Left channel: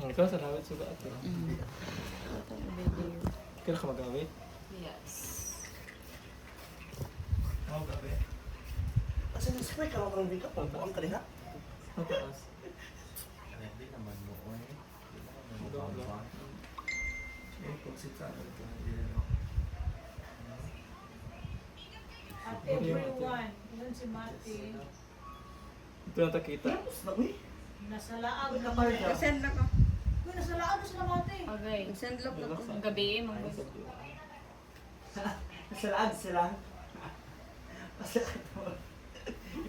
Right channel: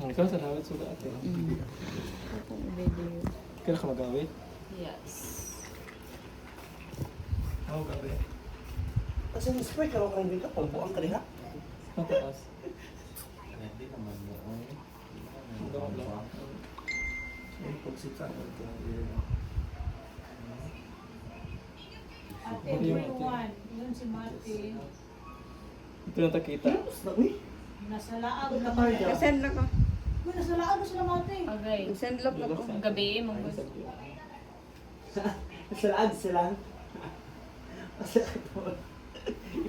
Ikaw sa dawit suga ate. Ito ang video. Kaya ka magawit? Yes. Oo, gabi. Kasi na-squirt lang ako ng bigla, pambuang ka diha. Mataas. Hindi naman mo. Yung pagsita. Ate, everyone. Yun si Mati. Ito na takita. Uy, Nasa laag na Send lang ko. Uy, nasa laag na sila Mati. Okay. Send lang ko. Gabi, mga nasalaan sila.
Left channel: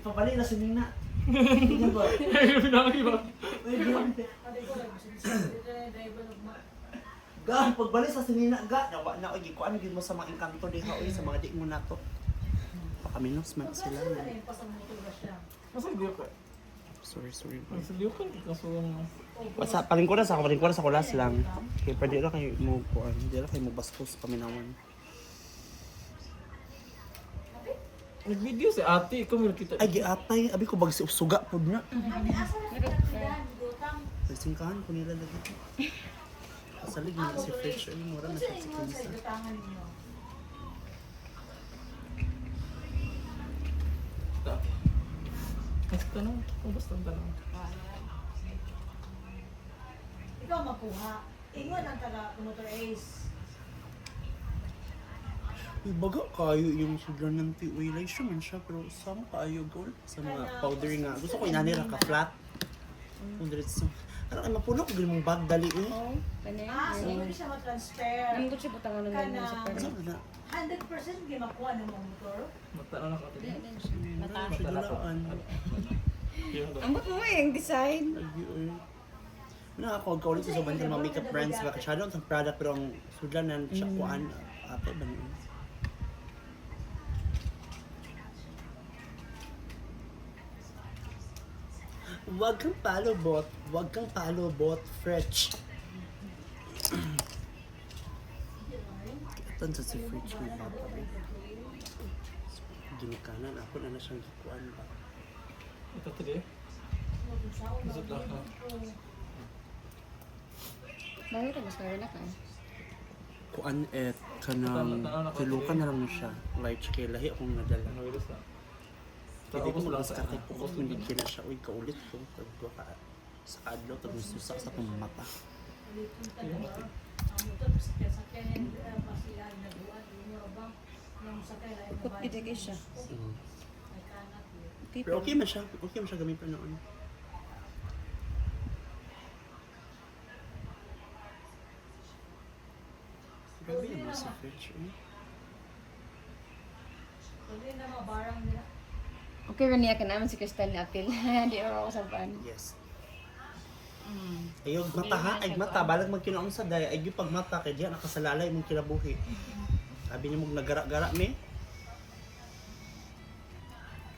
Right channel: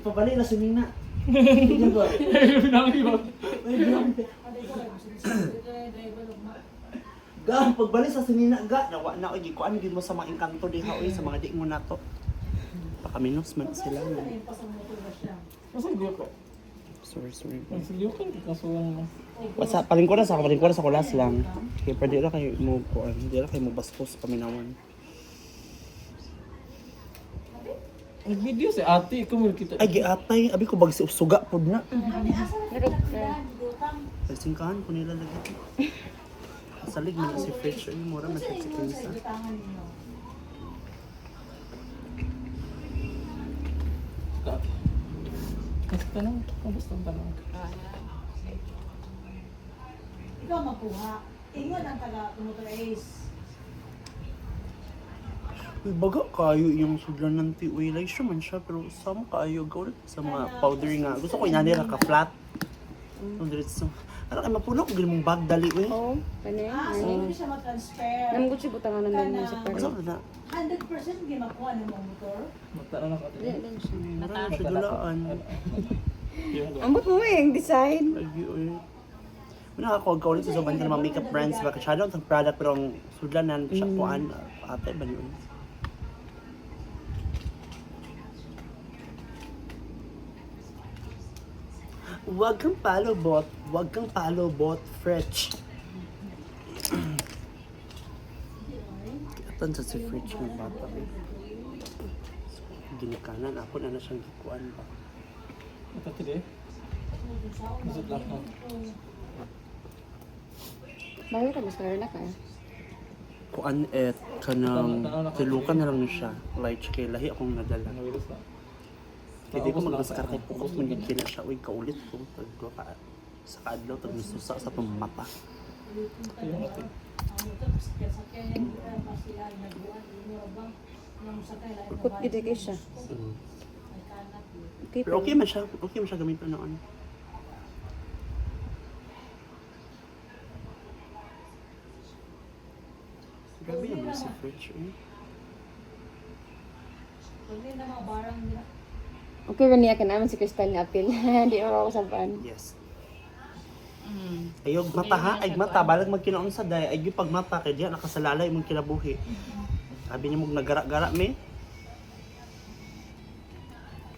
Ipabali na si Nina. Hindi ba? Pinamagi ba? Ate ko lang. Driver of ma. Ga, pagbalik sa sinina, ga, nawa na, oy, kuan gid mo sa mga engkanto diha, oy, sa mga di mo nato. Baka minus man sila. Sila na yung pasang motor ba siya? Masang liyo ka? Sorry. Masang liyo ka? Kaso... Sa palingkuran sa kulas lang. Kaya pa di ra kayo mo kuan, di ra kayo mo bastos paminawan. Nag-video si ate, ikaw mo kita. Ay, giatay, abi ko bag suga pod na. Ate, asa na sila tindahan? Gutang. Singkahan ko nila lagi. Salig mo si Fetch, ay mura na Kasi sa ingon sa kinsa. gutangan ninyo. Ate. Mas tanong, basta tanong. Ikaw makuha. Ingon ang taga motor Ace. Uy, baga kayo yung sudlan ng tiwilay siya man siya, pero sama kayo gawin sa mga powder nga. Gusto ko inanira ka flat. Diretso. Ano kayo mapulok ko mong bag dali eh. Oh, kanya. So hindi siya matransfer. Naman ko siya butangan ng ganyan sa Ano pero. na? 100% ginakuha ng mga motor. Magtanong na ka ate. Wala lang siya. Mara siya dulaan. Ambot mo yung design. Lagi oy. Muna ako gawin sa banda ng mga makeup brands ba kasyado ang product pero ang sudlanan siya kuan ate ba yun? Huwag kang palo bot, Fretch. Atan sa si Fretch ng bata eh. Ginikanan ako na siyang gikuan ba. Ito today. Isip lang ha. Bayo ka, mas kaya na ka. Kuan kanang tilukan na lang siya. Like kay lahi akong nadala. Ano virus na? Hindi ko mag-start kay focus mo din kina siya. Uy, kaulit ko. Pagwa ka sa kadlaw, tapos susa sa itong mata. Ayun ate. Ang motor sakyan hindi pa sila nagbuhat. Murabang yung sakay lang. Ikot gid kay siya. May kanak yun. Okay, Pero okay man siya. Okay man siya gamitin noon. Grabe naman si Fretch. Kung hindi na mga barang nila. Okay, niya ka naman si Crystal ni Apil. Di ako saban. Yes. Ayog mata ha, ay mata balag magkinaon sa day, ay yung pagmata kay diya nakasalalay mong kinabuhi. Sabi niya mong nagara-gara me.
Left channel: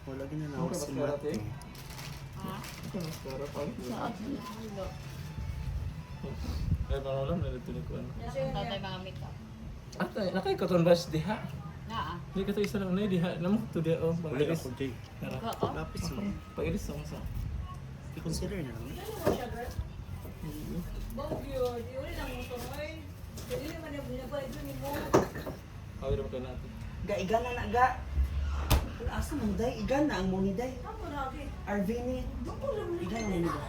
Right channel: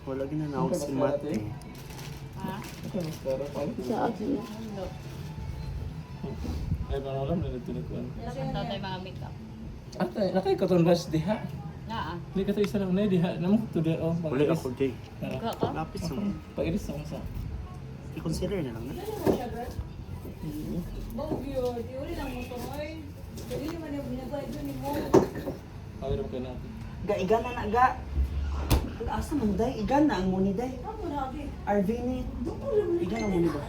Wala ginanaw si Mate. Pero pa. Sa akin. Ay, parang alam na tinikuan. Tatay mga makeup. Ate, nakay ka itong rush diha. Naa. Hindi ka ito isa lang na diha. Naman ko ito diha. Oh, Uli ako day. Ka? Lapis mo. Pag-iris ako sa. I-consider na lang. Ano mo siya, girl? Bog yun. Di uli lang motor. Ay, dali naman yung binabalik doon ni mo. Kawin naman kayo natin. Ga igana na ga. Asa man day, igana ang muni day. Ano lagi? RV ni. Doon ko lang Igana muni ba?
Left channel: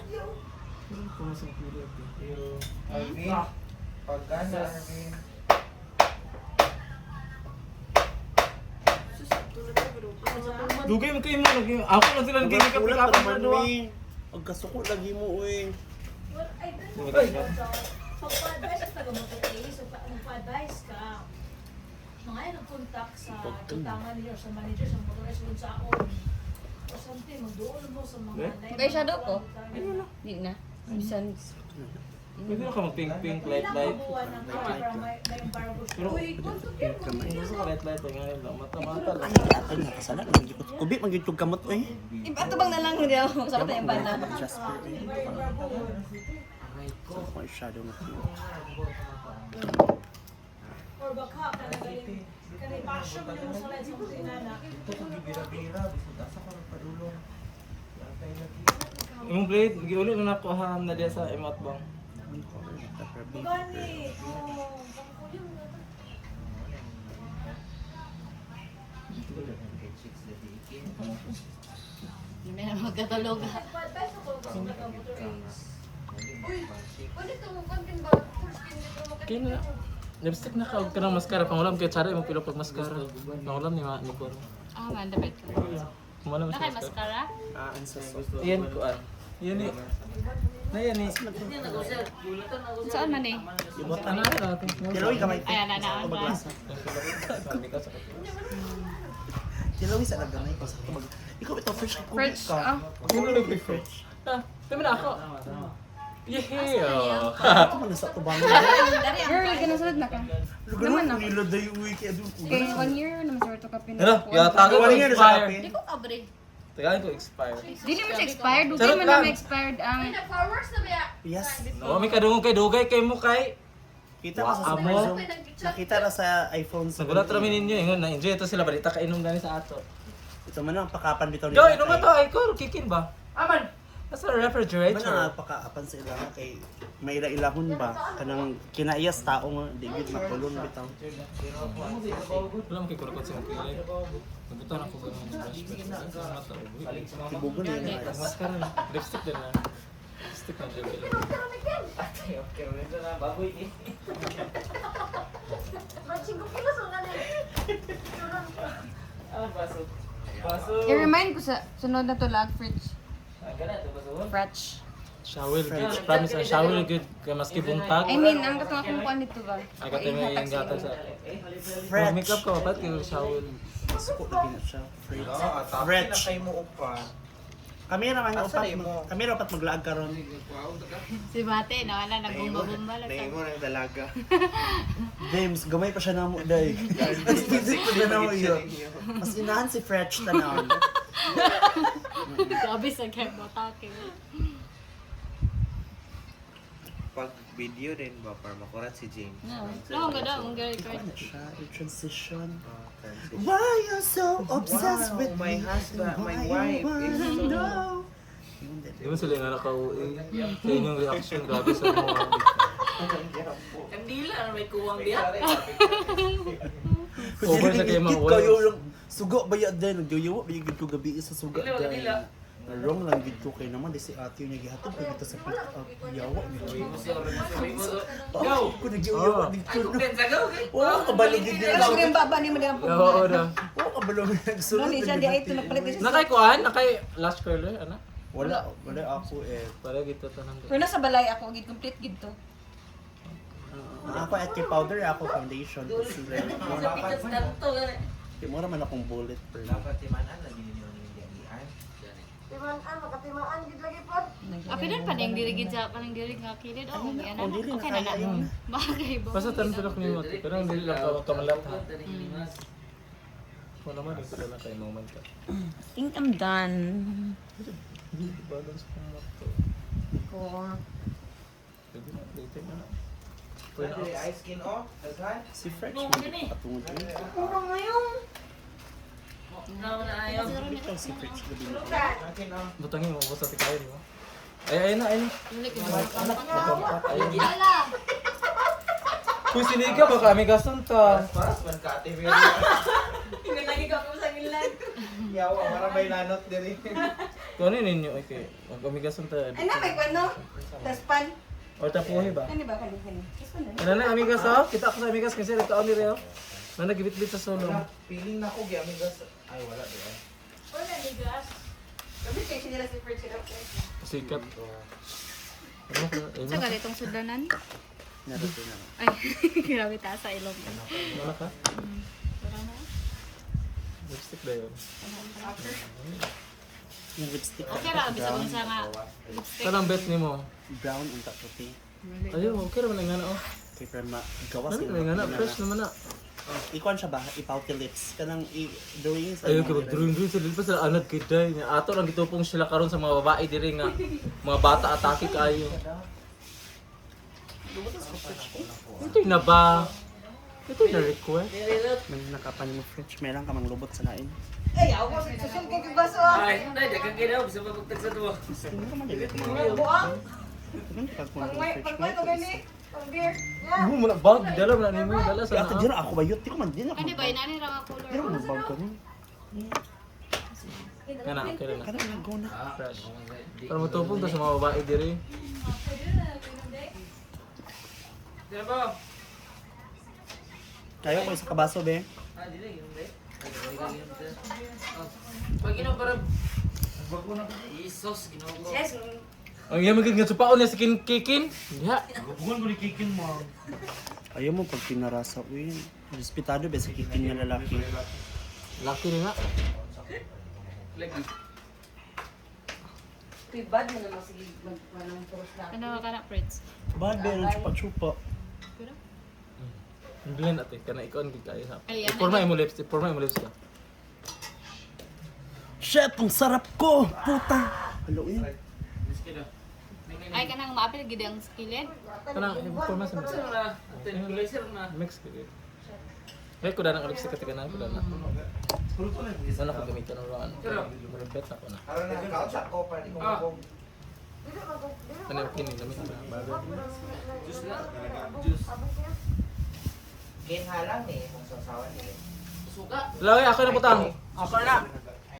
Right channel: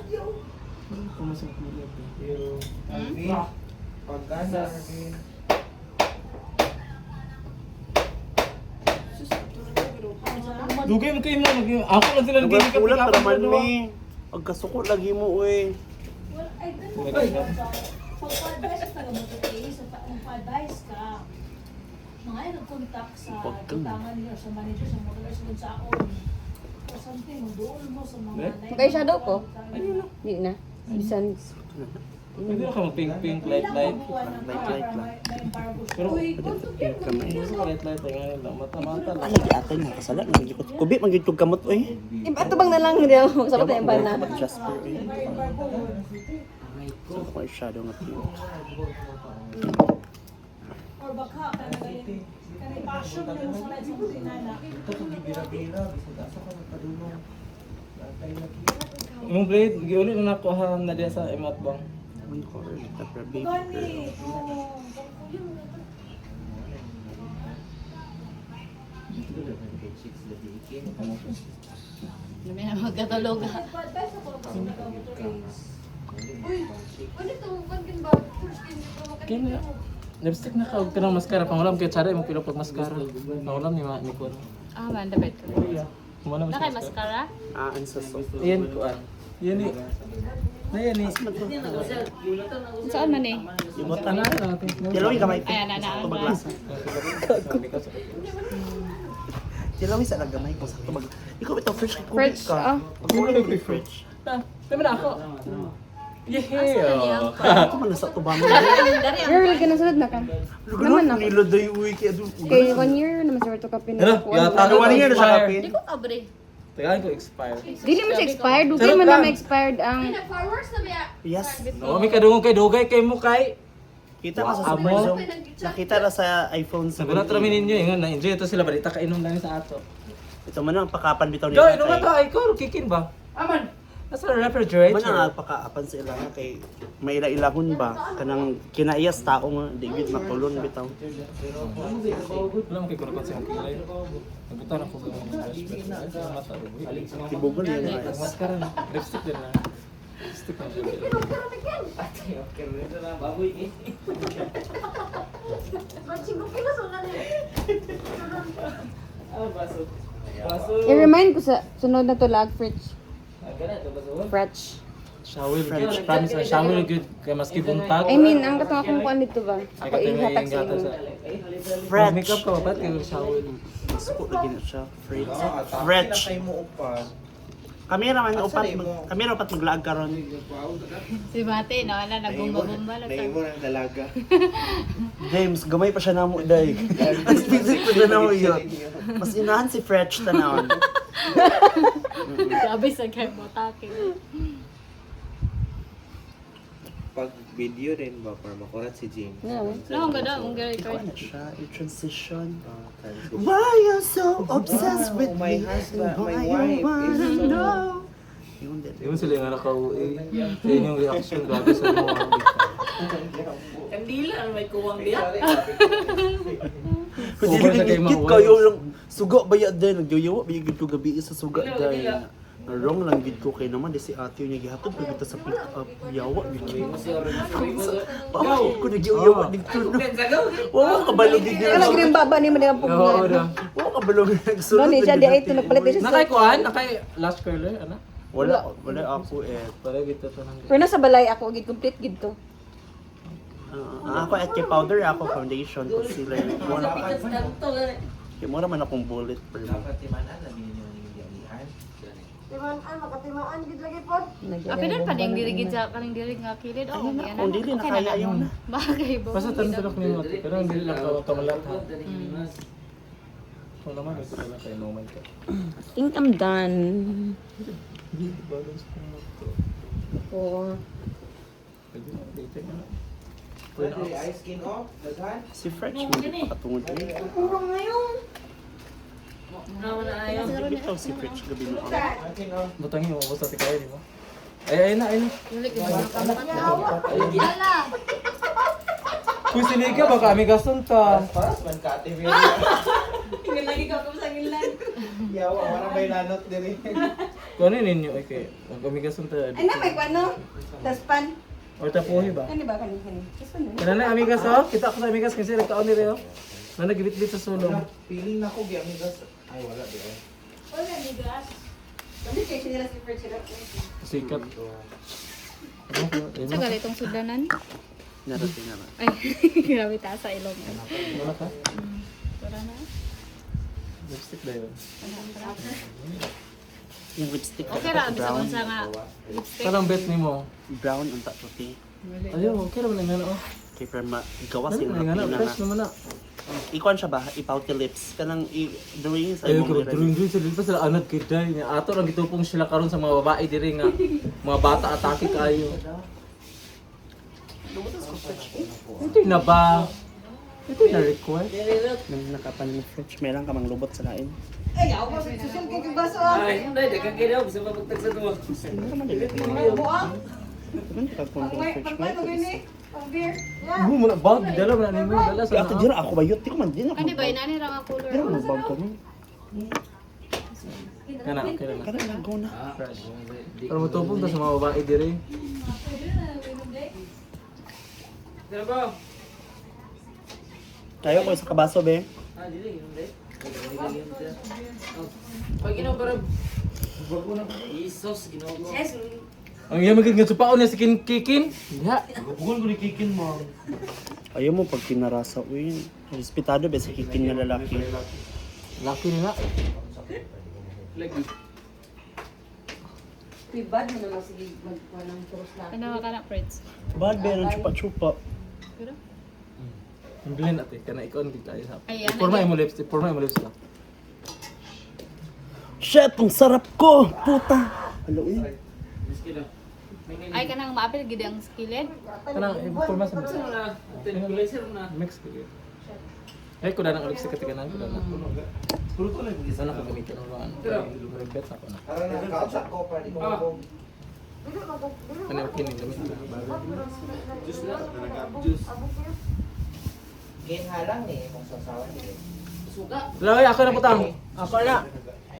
Kung sa mga pero... Pagkasa, Arvin. Dugay mo kayo mo. Ako lang sila Lugar nagkikip kulat ka para man ni. Pagkasuko lagi mo uy. Well, ay, ganun Wala ba? ba? Pag-advise ka taga motor case, magpa-advise ka. Mga ay nag-contact sa tutangan niya, sa manager, sa motor case, kung saan. O something, magdoon mo sa mga... Magay shadow ko? Di na. Bisan. Pwede na ka mag-pink light. Pero, Gusto ka light. Ay, mata-mata lang. Ay, atay mo kasala. Nagikot. Kubi, magiging kamot uy. Ato bang na lang hindi ako sa patay ba na. Jasper uy. So, ako ay shadow nga tiyo. or baka, kanay passion mo na mo sa light sa tinana. Ito kung bibira-bira, bisa daso ka ng padulong. Lantay lagi. Imong plate, giulo na nakuha na diya sa imot bang. Gani. Hindi na magkatulog. Pa-advise ako sa motor race. Kina. Lipstick na kaog ka ng maskara. Pangulam kay Chara, imong pilo pag maskara. Pangulam ni Kuan. Ah, man, dapat. Kumana mo Nakay siya maskara. mascara? Ang sasa. Yan Kuan. Yan ni. Na yan ni. Saan man eh? Ibotan Ano na. natin? Tilawin kamay. Ayan, Sakto na. maglasa. Tilawin sa nagamay ko. Sakto mag... Ikaw ito, fresh Fresh, ka. ah. Fresh. Ah, tama na ako. Yeah. Ito man nasa tubang. Girl, ganasunod na ka. Naman Ganun, na. nila day uwi kaya doon. Kay 1 year naman sa to ka Ano? Yata Ano, ko 1 year na sa expire. kapin. Hindi ko kabre. Tagaan ko expire. Dili man siya expired, dugay Sarap man lang. na expired ang Yes. Oo, may kadungog kay dugay kay mo kay. Kita ko sa Wow, Super amo. Zoom. Nakita na sa iPhone 17. Sagulat ramin ninyo ingon na enjoy ito sila balita kainom na ni sa ato. Ito man ang pakapan bitaw Yo, inom to ay ko kikin ba? Aman. Nasa refrigerator. Man ang pagkaapan sa ilang kay may ila-ilahon ba kanang kinaiyas tao nga David matulon bitaw. Wala mo kay ko sa kilay. Nagbitan ako sa mata. Tibugon yan. Maskara na. Lipstick din na. Lipstick na siya. i-remind ko sa sunod na to lag fridge. Fresh. Shower, promise na shower good kay maski buntag. I mean, ang katong akong kuan dito ba? Ay Ako katay may ihatag sa gata sa. inyo. Fresh. Makeup ka ba kayo shower? Suko lagi na siya. Fresh. Kami raman upat maglaag karon. Si Mate, nawala, nagbumba-bumba lang sa. James, gamay pa siya namo day. Mas busy pa siya namo yun. Mas inahan si Fresh tanawon. Sabi sa kay Botake. Pag video rin ba para makurat si James? Lang ba daw, ang record. Ano siya? I-transition. Transition. Why you so obsessed with my me? husband, my Why you wife wanna is so- know? Yun din. Di mo sila yung nakauwi. Sa inyong reaction grabe sa mga. Kandila, ano may kuwang diya? Over sa kay mga Gigit kayo lang. Suga ba yan din? Nagyoyawa ba yung gito gabi sa suga dahil. Wrong lang gid ko kay naman di si ate niya gihatod ko dito sa yawa gid. Wow, ko nagyoyawa dito. Wala ka balog gid Ano nila. rin baba ni mo nang Oo pagbuhat. na. Wala ka balog nagsulod. Doon siya di ay nagpalit din siya. Nakay kuan, nakay last curler ana. Wala ako Para dito tanang. Pero nasa balay ako gid complete gid to. Ako at kay powder ako foundation concealer. Kaya mura man akong bullet per mo. Katimanan lang yun yung nilihan. Apil din pa ding dirigid sa kaning dirig nga kilid. Oh, yan Kung dili na kaya yun na. Bagay ba? Basta tanong tanong ni mo pero hindi lang ka kamalat ha. Wala man ito na kay normal ka. I think I'm done. Balance ko mo to. Or Pwede na dito na. Pwede ice skin off, daghan. Si French mo di pa katungod rin. Ito si French gabi mo. Akin off. Butangin mo basta ti kaya di ba? Ay na ay na. Kung siniga ba kami gasunta. Paras man ka ate very. Tingnan lagi ka sa ilan. Yawa, wala may lanot diri. Kung ano ninyo ay kay kung kami gasunta. ay na may ano? Daspan. Or tapuhi ba? Ano ba kanin? Daspan na. Kana na amigas oh. Kita ko sa amigas kasi nagkaon ni Reo. Na nagibit-bit sa sulong. Feeling na ko gyamigas. Ay wala di ay. Wala ni gas. Kami check nila si Fred sila. Sikat. Ano ka? Ay, Sa ganitong sudanan. Narito na. Ay, grabe taas sa ilong. wala ka? Wala na. Lipstick ba yun? Yung lipstick Okay ra bisa man sa nga lipstick. Kanang bet ni mo? brown unta puti. Ayaw, okay naman nga na oh. Kay perma gawas Ano yung nga na, fresh naman na. Ikuan siya ba? Ipouty lips. Kanang drawing sa Ayaw imong ka ba, mirror. drawing sa lipas sila anad kay Day. Ato lang gitupong sila karon sa mga babae diri nga. Mga bata atake kayo. Ito na ba? Ito na request. Nang nakapan ni French, meron ka mang lubot sa lain. Ay, ako susul ko yung baso. Ay, hindi, dagang kinaw. Bisa mapagtag sa to. Ano naman dili ko Mga mo. buwang. Ano ka kung search mo? Pagpay ko gani. Pag-beer. Yeah. Mo muna bag, dala man ni mo, dala Si sa. ate dira ako bayot, di ko man din ako. Ano ba yun? Ano yung color? Dira mo bag ko. Kana okay na. Kada lang go na. Fresh. Pero mo tupong ta sa mga babae diri. Kaya ba? Kayo ko sa kabaso be. Ah, dili, hindi. Pag ginawa para bago na Isos, ginawa ko. Yes. Ang iya magiging nga supaon niya sa kikin. Ya. Bukan ko ni kikin mo. Ayaw mo pag pinarasa. Uy, respetado ba sa kikin nga lalaki. Laki ni nga. Lagi. Tibad mo naman sige magkuha ng puros na. Kanawa ka na, Fritz. Bad be, ang chupa-chupa. Pero? Ang duhin ate, kana ikaw ang tayo ha. Ayan, Porma mo lipstick, porma mo lipstick. Shit, ang sarap ko! Puta! Hello, eh. Ay, kanang maapil, gid ang skillet. Kana porma sa Ano na? Tengulaser na. mix ko. Ay ko na ng lipstick kati kana ko na. Puro to lang. Sana ko gamitin ng mga bet ako na. Aron na kausak ko pa di ko mabog. Ano okay ni gamit na. Juice lang. Juice. Ginhalang eh kung sasawan eh. Suka. Lay ako na putang. Ako na.